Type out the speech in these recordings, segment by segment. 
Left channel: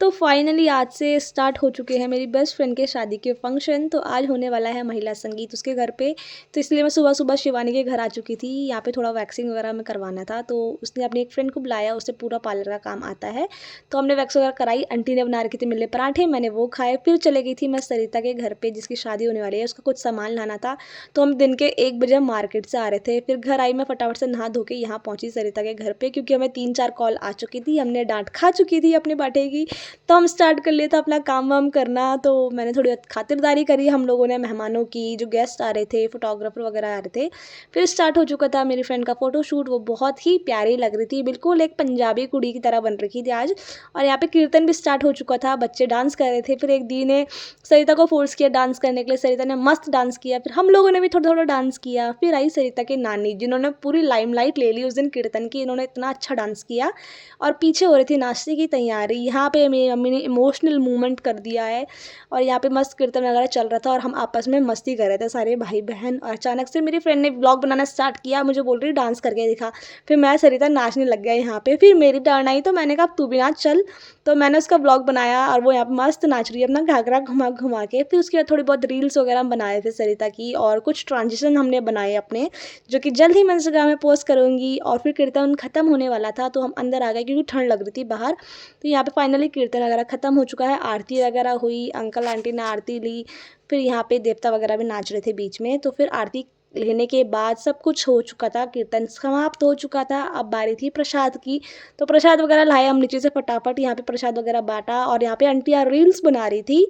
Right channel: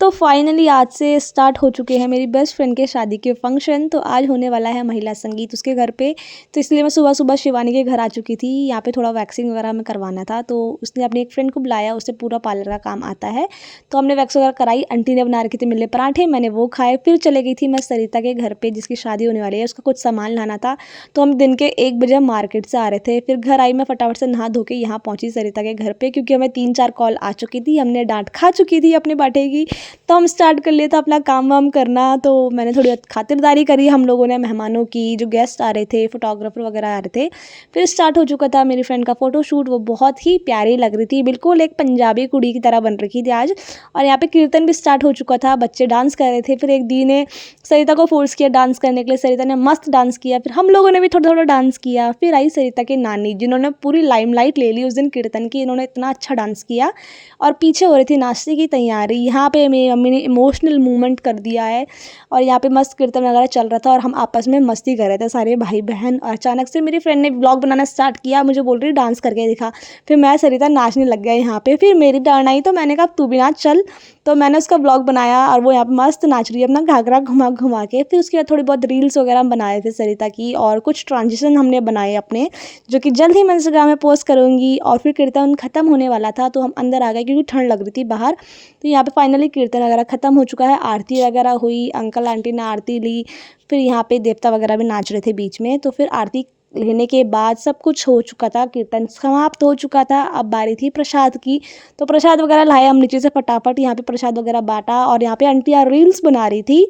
तो फाइनली आज से स्टार्ट हो चुके हैं मेरी बेस्ट फ्रेंड के शादी के फंक्शन। तो आज होने वाला है महिला संगीत उसके घर पे। तो इसलिए मैं सुबह सुबह शिवानी के घर आ चुकी थी। यहाँ पे थोड़ा वैक्सिंग वगैरह हमें करवाना था, तो उसने अपनी एक फ्रेंड को बुलाया, उससे पूरा पार्लर का काम आता है। तो हमने वैक्स वगैरह कराई। आंटी ने बना रखी थी मिले पराठे, मैंने वो खाए। फिर चले गई थी मैं सरिता के घर पर, जिसकी शादी होने वाली है, उसका कुछ सामान लाना था। तो हम दिन के 1 बजे मार्केट से आ रहे थे। फिर घर आई मैं फटाफट से नहा धो के यहाँ पहुँची सरिता के घर पर, क्योंकि हमें 3-4 कॉल आ चुकी थी, हमने डांट खा चुकी थी अपने बाटे की। तो हम स्टार्ट कर लिया था अपना काम वाम करना। तो मैंने थोड़ी खातिरदारी करी हम लोगों ने मेहमानों की, जो गेस्ट आ रहे थे, फोटोग्राफर वगैरह आ रहे थे। फिर स्टार्ट हो चुका था मेरी फ्रेंड का फ़ोटोशूट। वो बहुत ही प्यारी लग रही थी, बिल्कुल एक पंजाबी कुड़ी की तरह बन रखी थी आज। और यहाँ पे कीर्तन भी स्टार्ट हो चुका था, बच्चे डांस कर रहे थे। फिर एक दी ने सरिता को फोर्स किया डांस करने के लिए, सरिता ने मस्त डांस किया। फिर हम लोगों ने भी थोड़ा थोड़ा डांस किया। फिर आई सरिता की नानी, जिन्होंने पूरी लाइमलाइट ले ली उस दिन कीर्तन की। इन्होंने इतना अच्छा डांस किया और पीछे हो रही थी नाश्ते की तैयारी। यहाँ पे मेरी मम्मी ने इमोशनल मूवमेंट कर दिया है। और यहाँ पे मस्त कीर्तन वगैरह चल रहा था और हम आपस में मस्ती कर रहे थे सारे भाई बहन। और अचानक से मेरी फ्रेंड ने व्लॉग बनाना स्टार्ट किया, मुझे बोल रही डांस करके दिखा। फिर मैं सरिता नाचने लग गया यहाँ पे। फिर मेरी टर्न आई तो मैंने कहा तू भी नाच चल। तो मैंने उसका व्लॉग बनाया और वो यहाँ पे मस्त नाच रही है अपना घाघरा घुमा घुमा के। फिर उसके बाद थोड़ी बहुत रील्स वगैरह हम बनाए थे सरिता की, और कुछ ट्रांजिशन हमने बनाए अपने, जो कि जल्द ही मैं इंस्टाग्राम में पोस्ट करूँगी। और फिर कीर्तन खत्म होने वाला था तो हम अंदर आ गए, क्योंकि ठंड लग रही थी बाहर। तो यहाँ पे फाइनली कीर्तन वगैरह खत्म हो चुका है, आरती वगैरह हुई, अंकल आंटी ने आरती ली। फिर यहाँ पे देवता वगैरह भी नाच रहे थे बीच में। तो फिर आरती लेने के बाद सब कुछ हो चुका था, कीर्तन समाप्त हो चुका था। अब बारी थी प्रसाद की। तो प्रसाद वगैरह लाए हम नीचे से फटाफट, यहाँ पे प्रसाद वगैरह बांटा। और यहाँ पे आंटियाँ रील्स बना रही थी।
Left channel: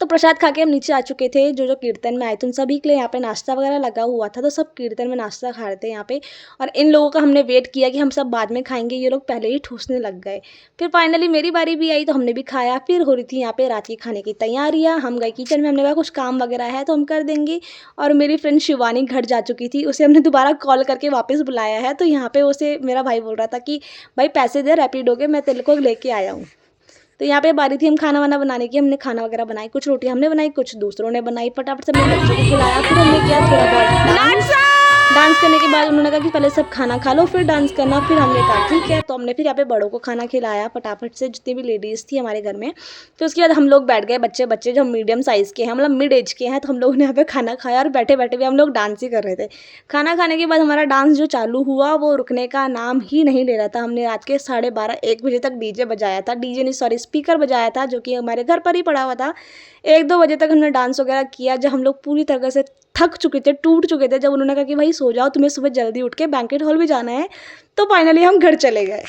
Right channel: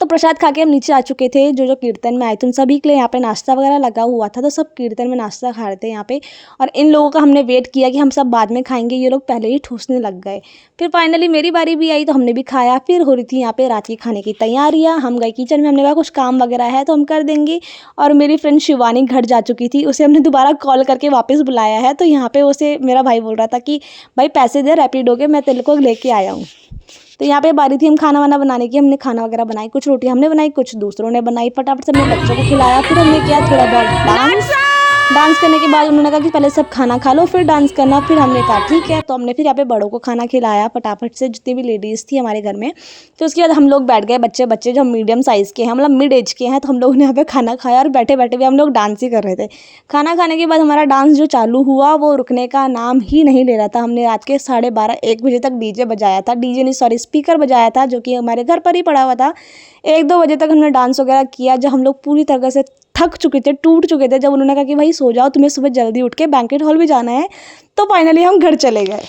तो प्रसाद खा के हम नीचे आ चुके थे। जो जो कीर्तन में आए थे उन सभी के लिए यहाँ पे नाश्ता वगैरह लगा हुआ था, तो सब कीर्तन में नाश्ता खा रहे थे यहाँ पे। और इन लोगों का हमने वेट किया कि हम सब बाद में खाएंगे, ये लोग पहले ही ठूसने लग गए। फिर फाइनली मेरी बारी भी आई तो हमने भी खाया। फिर हो रही थी यहाँ पे रात के खाने की तैयारियाँ। हम गए किचन में, हमने कहा कुछ काम वगैरह है तो हम कर देंगे। और मेरी फ्रेंड शिवानी घर जा चुकी थी, उसे हमने दोबारा कॉल करके वापस बुलाया है। तो यहाँ पे उसे मेरा भाई बोल रहा था कि भाई पैसे दे रैपिडो के, मैं तेरे को लेके आया हूँ। तो यहाँ पे बारी थी हम खाना वाना बनाने की। हमने खाना वगैरह बनाई, कुछ रोटी हमने बनाई, कुछ दूसरों ने बनाई। फटाफट से हमने बच्चों को खिलाया। फिर हमने किया थोड़ा बहुत डांस। डांस करने के बाद उन्होंने कहा कि पहले सब खाना खा लो फिर डांस करना। फिर हमने कहा ठीक है। तो हमने फिर यहाँ पे बड़ों को खाना खिलाया फटाफट से, जितनी भी लेडीज़ थी हमारे घर में। फिर उसके बाद हम लोग बैठ गए, बच्चे बच्चे जो मीडियम साइज़ के हैं, मतलब मिड एज के हैं। तो हम लोगों ने यहाँ पे खाना खाया और बैठे बैठे भी हम लोग डांस ही कर रहे थे। खाना खाने के बाद हमारा डांस जो चालू हुआ वो रुकने का नाम ही नहीं ले रहा था। हमने रात के 12:30-1 बजे तक डीजे बजाया था, डीजे नहीं सॉरी स्पीकर बजाया था, जो कि हमारे घर पर ही पड़ा हुआ था। 1-2 बजे तक हमने डांस वगैरह किया, जब हम लोग पूरी तरह से थक चुके थे, टूट चुके थे। जब उन्होंने कहा कि भाई सो जाओ, तुम्हें सुबह जल्दी उठ के बैंक्वेट हॉल भी जाना है, तो फाइनली हम घर चले गए।